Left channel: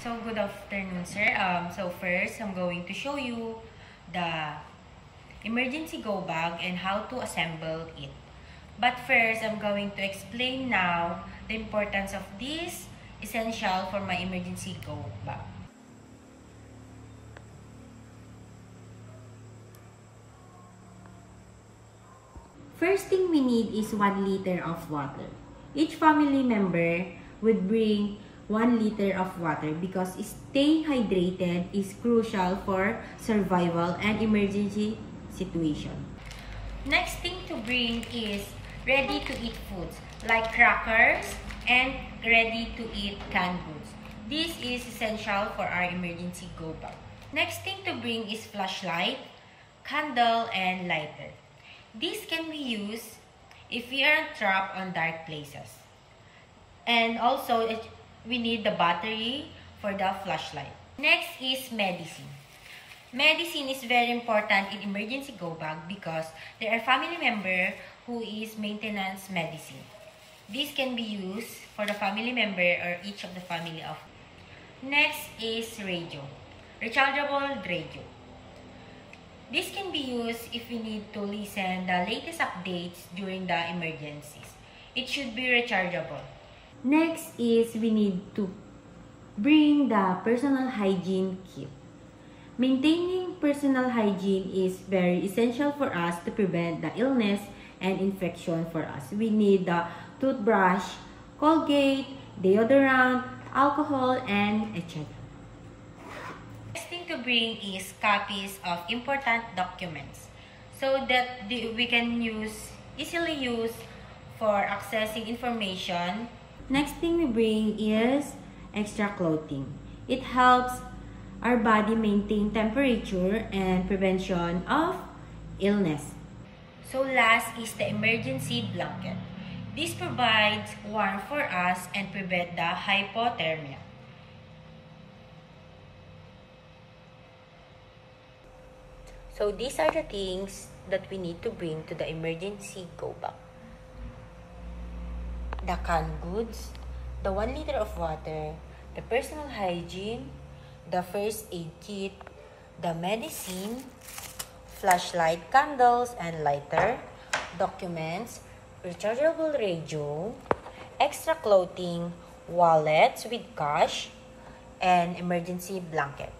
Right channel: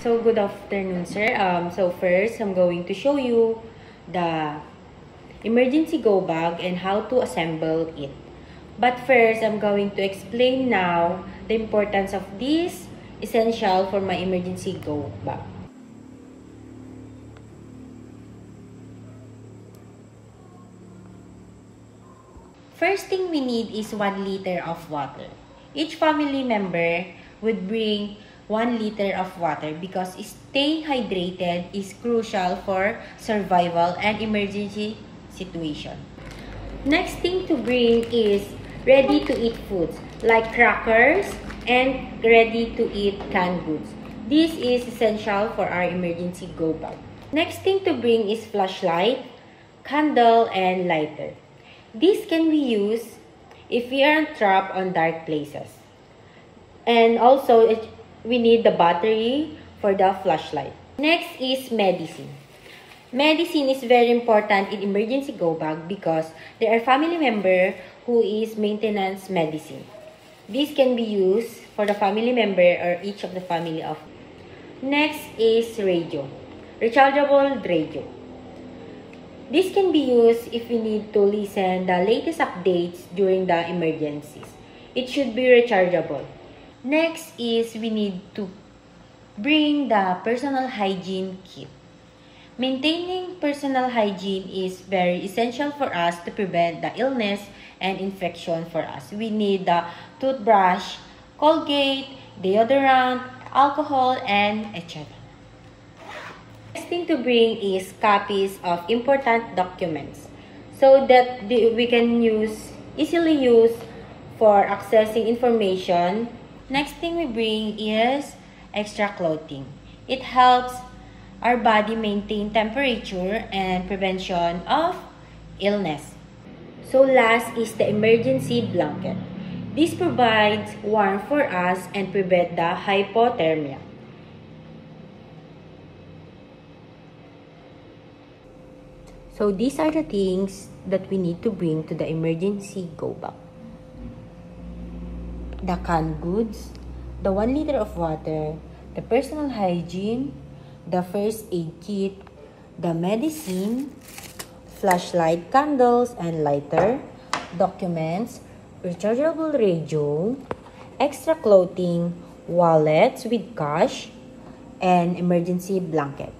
So, good afternoon, sir. So first, I'm going to show you the emergency go bag and how to assemble it. But first, I'm going to explain now the importance of this essential for my emergency go bag. First thing we need is 1 liter of water. Each family member would bring 1 liter of water because staying hydrated is crucial for survival and emergency situation. Next thing to bring is ready-to-eat foods like crackers and ready-to-eat canned goods. This is essential for our emergency go bag. Next thing to bring is flashlight, candle, and lighter. This can be used if we are trapped on dark places. And also, we need the battery for the flashlight. Next is medicine. Medicine is very important in emergency go bag because there are family member who is maintenance medicine. This can be used for the family member or each of the family of. Next is radio. Rechargeable radio. This can be used if we need to listen the latest updates during the emergencies. It should be rechargeable. Next is we need to bring the personal hygiene kit. Maintaining personal hygiene is very essential for us to prevent the illness and infection for us. We need the toothbrush, Colgate, deodorant, alcohol, and etc. Next thing to bring is copies of important documents so that we can easily use for accessing information. Next thing we bring is extra clothing. It helps our body maintain temperature and prevention of illness. So last is the emergency blanket. This provides warmth for us and prevent the hypothermia. So these are the things that we need to bring to the emergency go bag. The canned goods, the 1 liter of water, the personal hygiene, the first aid kit, the medicine, flashlight, candles, and lighter, documents, rechargeable radio, extra clothing, wallets with cash, and emergency blanket.